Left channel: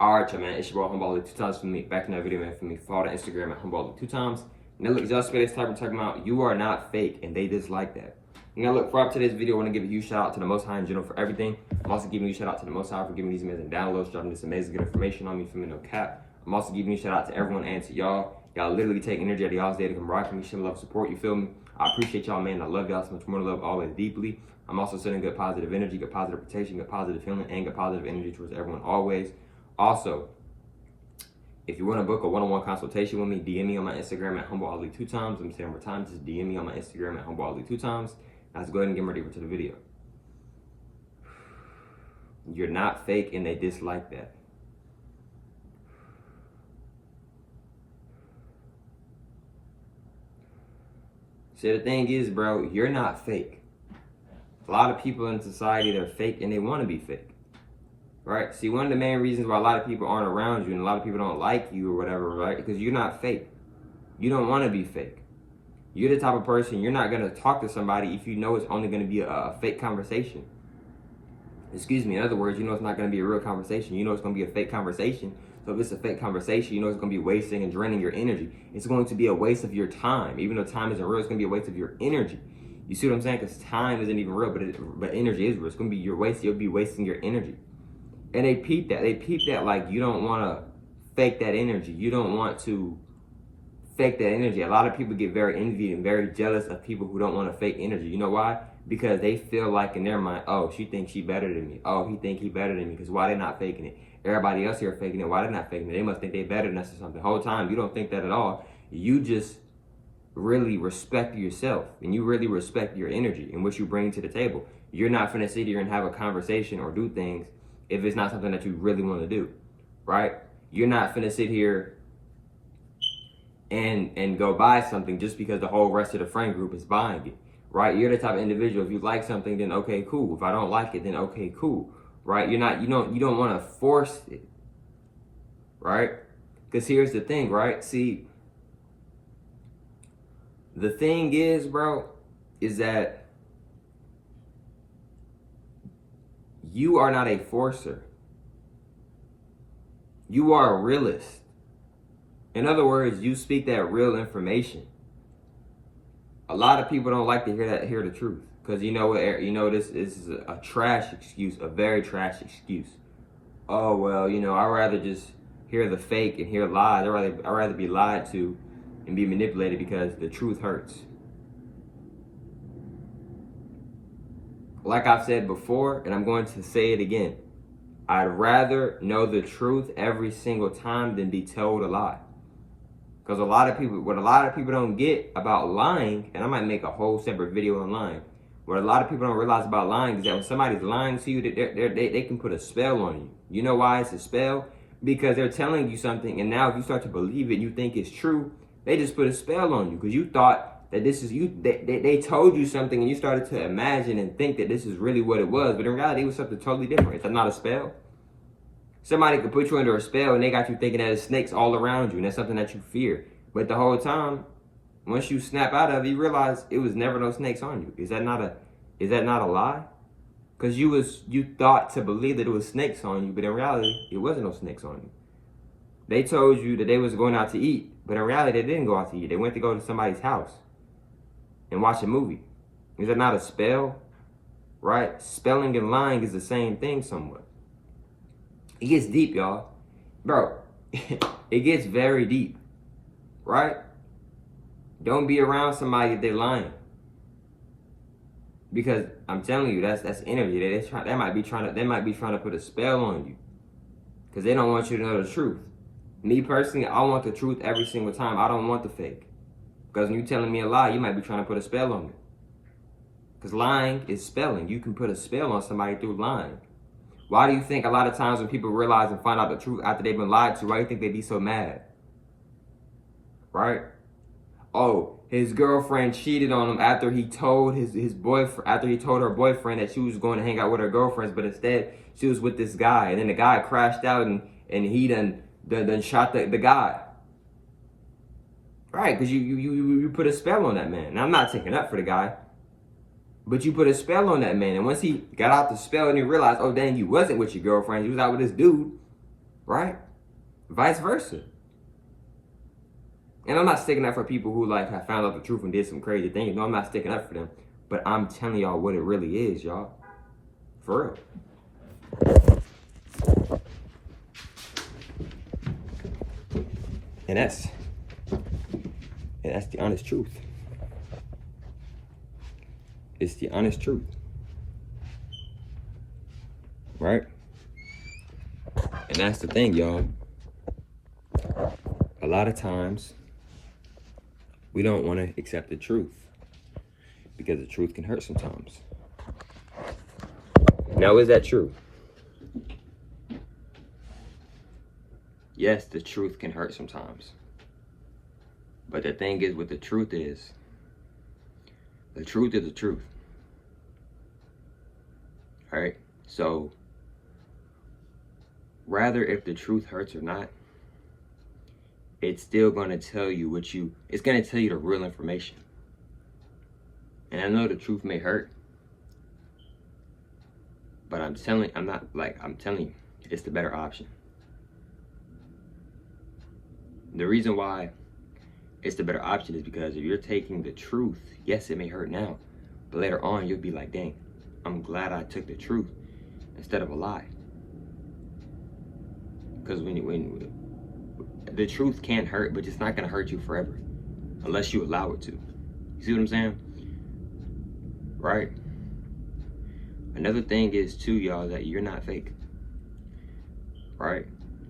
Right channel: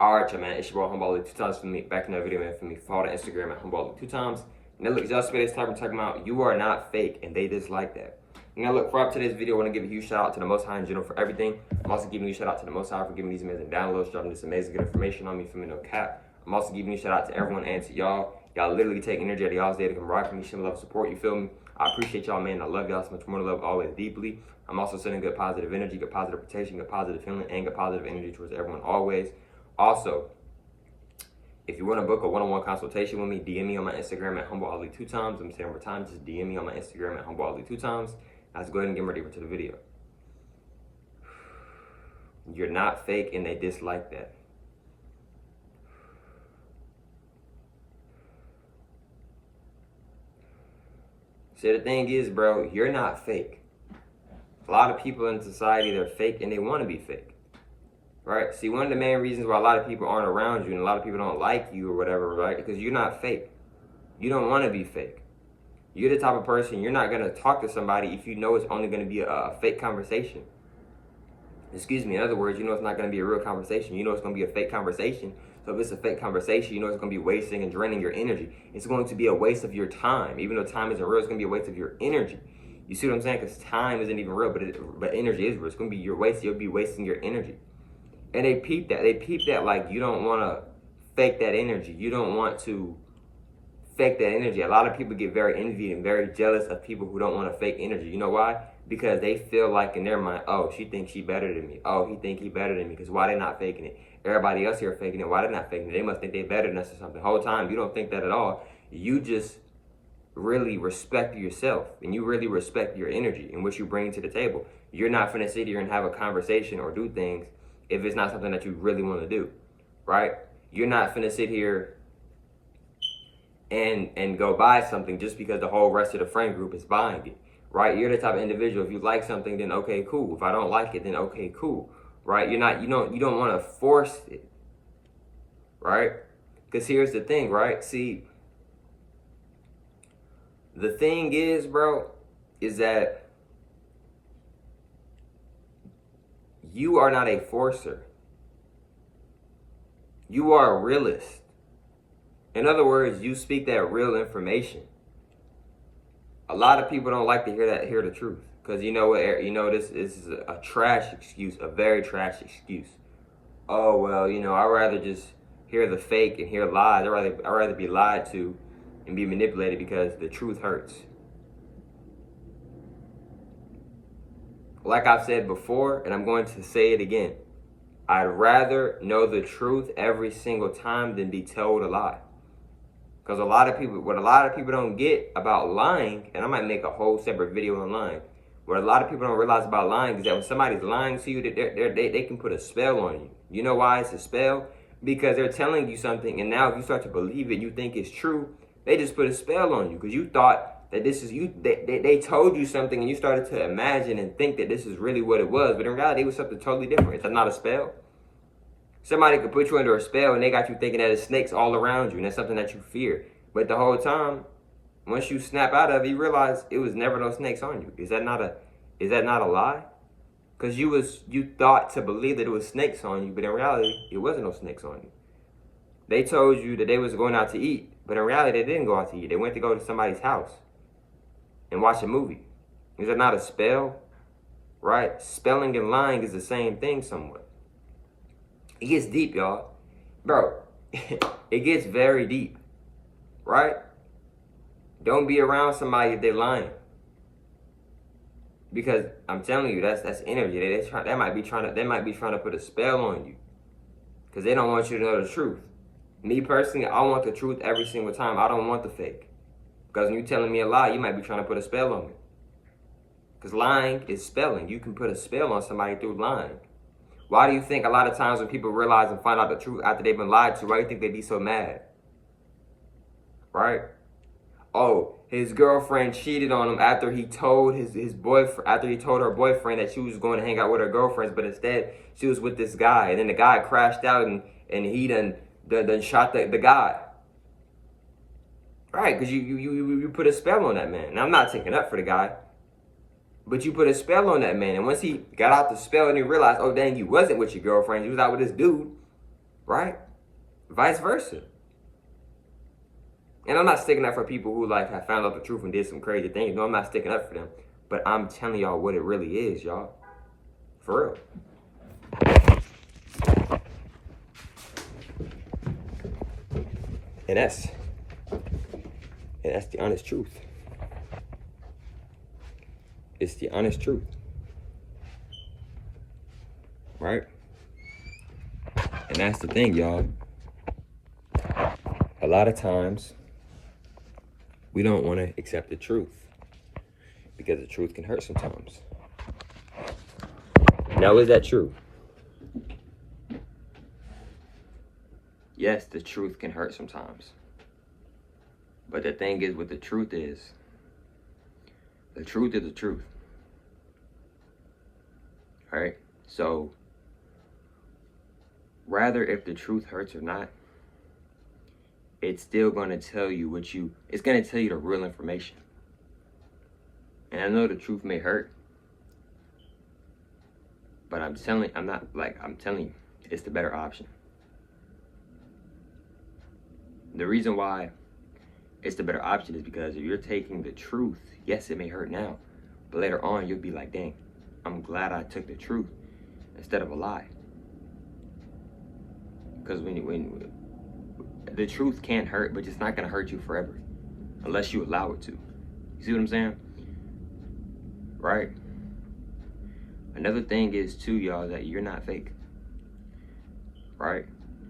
Alright, y'all, man. It's your boy Humble 2 times for me. Back in that video, man. For me, follow the Instagram at Humble 2 times. Now, look, y'all spit this type we're talking about. You are not fake, and they dislike that. Now, look, for up to this video, I want to give a huge shout out to the Most High in general for everything. I'm also giving you a shout out to the Most High for giving me these amazing downloads, dropping this amazing good information on me from me, no cap. I'm also giving you a shout out to everyone and to y'all. Y'all literally take energy out of y'all's day to come ride for me, show me love, support. You feel me? I appreciate y'all, man. I love y'all so much more to love, always deeply. I'm also sending good positive energy, good positive protection, good positive feeling, and good positive energy towards everyone always. Also, if you want to book a one-on-one consultation with me, DM me on my Instagram at HumbleAli 2 times. I'm saying one more time, just DM me on my Instagram at HumbleAli 2 times. Now let's go ahead and get ready to the video. You're not fake, and they dislike that. So the thing is, bro, you're not fake. A lot of people in society, they're fake, and they want to be fake. Right? See, one of the main reasons why a lot of people aren't around you and a lot of people don't like you or whatever, right? Because you're not fake. You don't want to be fake. You're the type of person, you're not going to talk to somebody if you know it's only going to be a fake conversation. Excuse me, in other words, you know it's not going to be a real conversation. You know it's going to be a fake conversation. So if it's a fake conversation, you know it's going to be wasting and draining your energy. It's going to be a waste of your time. Even though time isn't real, it's going to be a waste of your energy. You see what I'm saying? Because time isn't even real, but energy is real. It's going to be your waste. You'll be wasting your energy. And they peep that. They peep that like you don't want to fake that energy. You don't want to fake that energy. A lot of people get very envied and very jealous of people who don't want to fake energy. You know why? Because they feel like in their mind, oh, she thinks she better than me. Oh, he think he better than me. Because why they not faking it? Everybody else here faking it. Why they not faking it? They must think they better than us or something. The whole time, you don't think that at all. You just really respect yourself and you really respect your energy and what you bring to the table. You're not finna sit here and have a conversation or do things if it's not something that you really want to do, right? You're not finna sit here and go buy something just because the whole rest of the friend group is buying it, right? You're the type of individual, if you like something, then okay, cool. If I don't like it, then okay, cool, right? You don't want to force it, right? Because here's the thing, right? See, the thing is, bro, is that you are not a forcer. You are a realist. In other words, you speak that real information. A lot of people don't like to hear the truth. Because you know what, this is a trash excuse, a very trash excuse. Oh, well, I'd rather just hear the fake and hear lies. I'd rather be lied to and be manipulated because the truth hurts. Like I've said before, and I'm going to say it again, I'd rather know the truth every single time than be told a lie. Because what a lot of people don't get about lying, and I might make a whole separate video on lying, what a lot of people don't realize about lying is that when somebody's lying to you, they can put a spell on you. You know why it's a spell? Because they're telling you something, and now if you start to believe it, you think it's true, they just put a spell on you because you thought that this is you. They told you something, and you started to imagine and think that this is really what it was, but in reality, it was something totally different. It's not a spell. Somebody could put you under a spell, and they got you thinking that there's snakes all around you, and that's something that you fear. But the whole time, once you snap out of it, you realize it was never no snakes on you. Is that not a lie? Because you thought to believe that it was snakes on you, but in reality, it wasn't no snakes on you. They told you that they was going out to eat, but in reality, they didn't go out to eat. They went to go to somebody's house and watch a movie. Is that not a spell? Right? Spelling and lying is the same thing somewhat. It gets deep, y'all. Bro, it gets very deep. Right? Don't be around somebody if they're lying. Because I'm telling you, that's energy. They might be trying to put a spell on you. Because they don't want you to know the truth. Me personally, I want the truth every single time. I don't want the fake. Because when you're telling me a lie, you might be trying to put a spell on me. Because lying is spelling. You can put a spell on somebody through lying. Why do you think a lot of times when people realize and find out the truth after they've been lied to, why do you think they be so mad? Right? Oh, his girlfriend cheated on him after he told his boyfriend, after he told her boyfriend that she was going to hang out with her girlfriends, but instead she was with this guy. And then the guy crashed out and he done shot the guy. Right, because you put a spell on that man. Now, I'm not taking up for the guy, but you put a spell on that man. And once he got out the spell and he realized, oh, dang, you wasn't with your girlfriend, you was out with this dude, right? Vice versa. And I'm not sticking up for people who like have found out the truth and did some crazy things. No, I'm not sticking up for them. But I'm telling y'all what it really is, y'all. For real. And that's the honest truth. It's the honest truth. Right? And that's the thing, y'all. A lot of times, we don't want to accept the truth because the truth can hurt sometimes. Now, is that true? Yes, the truth can hurt sometimes. But the thing is, what the truth is the truth. All right? So, rather if the truth hurts or not, it's still going to tell you it's going to tell you the real information. And I know the truth may hurt, but I'm telling you, it's the better option. The reason why it's the better option is because if you're taking the truth, yes, it may hurt now, but later on, you'll be like, dang, I'm glad I took the truth instead of a lie. Because when the truth can't hurt, but it's not going to hurt you forever unless you allow it to. You see what I'm saying? Right? Another thing is, too, y'all, that you're not fake. Right?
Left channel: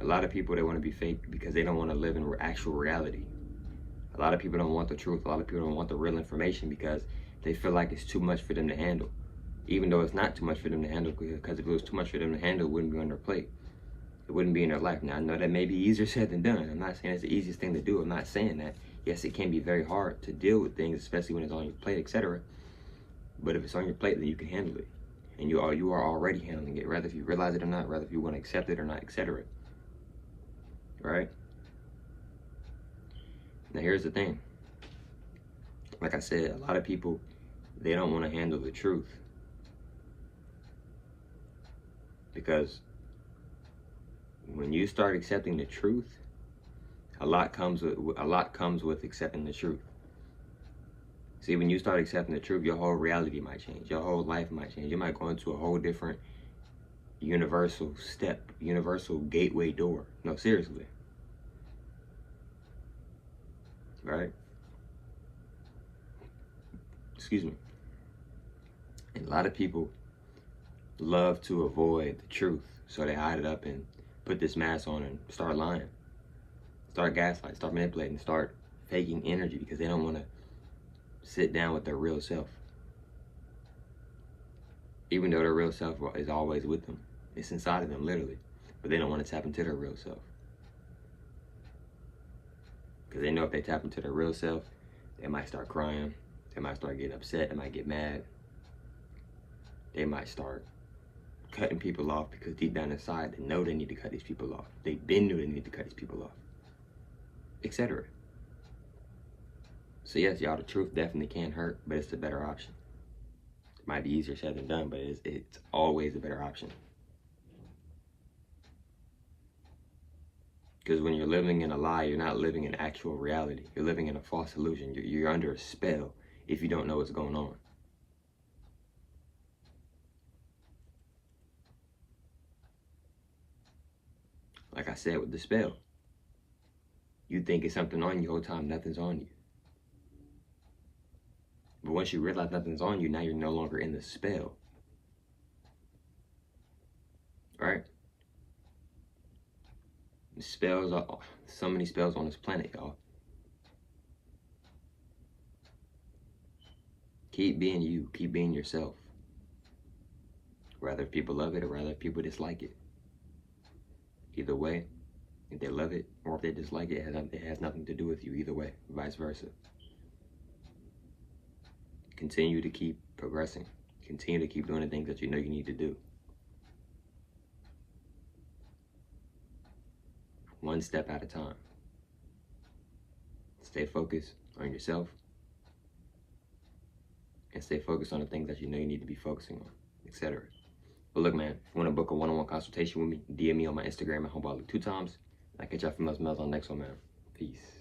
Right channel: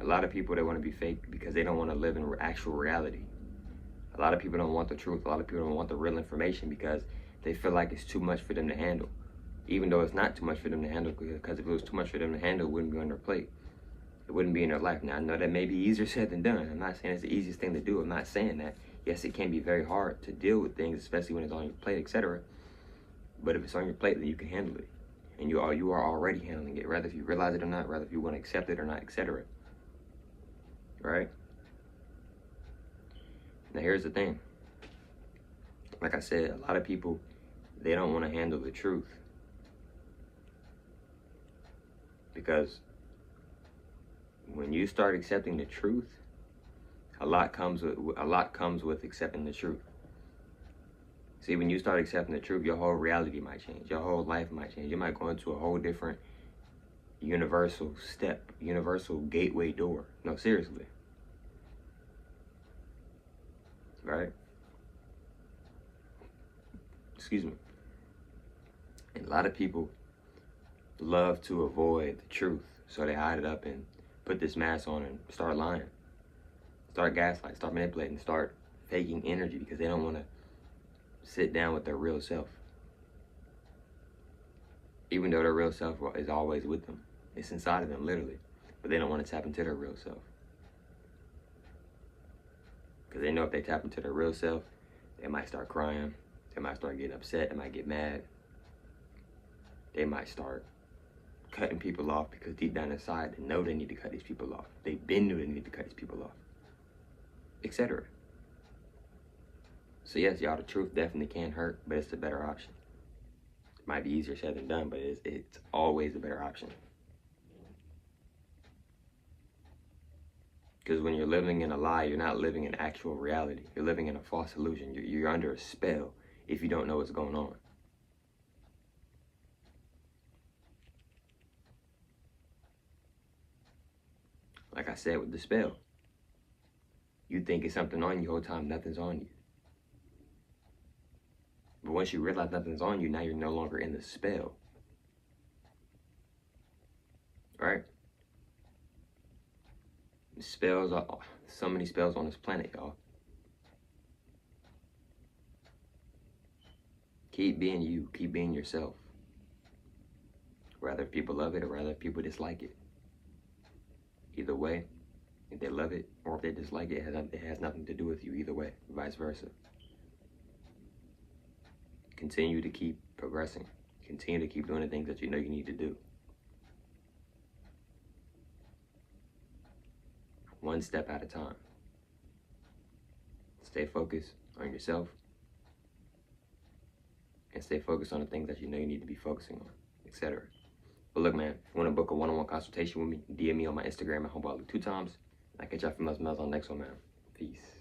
A lot of people, they want to be fake because they don't want to live in actual reality. A lot of people don't want the truth. A lot of people don't want the real information because they feel like it's too much for them to handle. Even though it's not too much for them to handle, because if it was too much for them to handle, it wouldn't be on their plate. It wouldn't be in their life. Now, I know that may be easier said than done. I'm not saying it's the easiest thing to do. I'm not saying that. Yes, it can be very hard to deal with things, especially when it's on your plate, etc. But if it's on your plate, then you can handle it. And you are already handling it, whether if you realize it or not, whether if you want to accept it or not, etc. Right? Now, here's the thing. Like I said, a lot of people, they don't want to handle the truth. Because when you start accepting the truth, a lot comes with accepting the truth. See, when you start accepting the truth, your whole reality might change. Your whole life might change. You might go into a whole different universal gateway door. No, seriously. Right? Excuse me. And a lot of people love to avoid the truth. So they hide it up and put this mask on and start lying. Start gaslighting, start manipulating, start faking energy because they don't want to sit down with their real self. Even though their real self is always with them. It's inside of them, literally. But they don't want to tap into their real self. Because they know if they tap into their real self, they might start crying. They might start getting upset. They might get mad. They might start cutting people off because deep down inside, they know they need to cut these people off. They've been knew they need to cut these people off. Etc. So yes, y'all, the truth definitely can hurt, but it's the better option. It might be easier said than done, but it's always the better option. Because when you're living in a lie, you're not living in actual reality. You're living in a false illusion. You're under a spell if you don't know what's going on. Like I said with the spell, you think it's something on you the whole time, nothing's on you. But once you realize nothing's on you, now you're no longer in the spell. Right? Spells, so many spells on this planet, y'all. Keep being you, keep being yourself. Whether people love it or whether people dislike it. Either way, if they love it or if they dislike it, it has nothing to do with you either way, vice versa. Continue to keep progressing. Continue to keep doing the things that you know you need to do. One step at a time. Stay focused on yourself and stay focused on the things that you know you need to be focusing on, etc. But look, man, if you want to book a one-on-one consultation with me, DM me on my Instagram at Homeball2 times. I'll catch y'all females on the next one, man. Peace.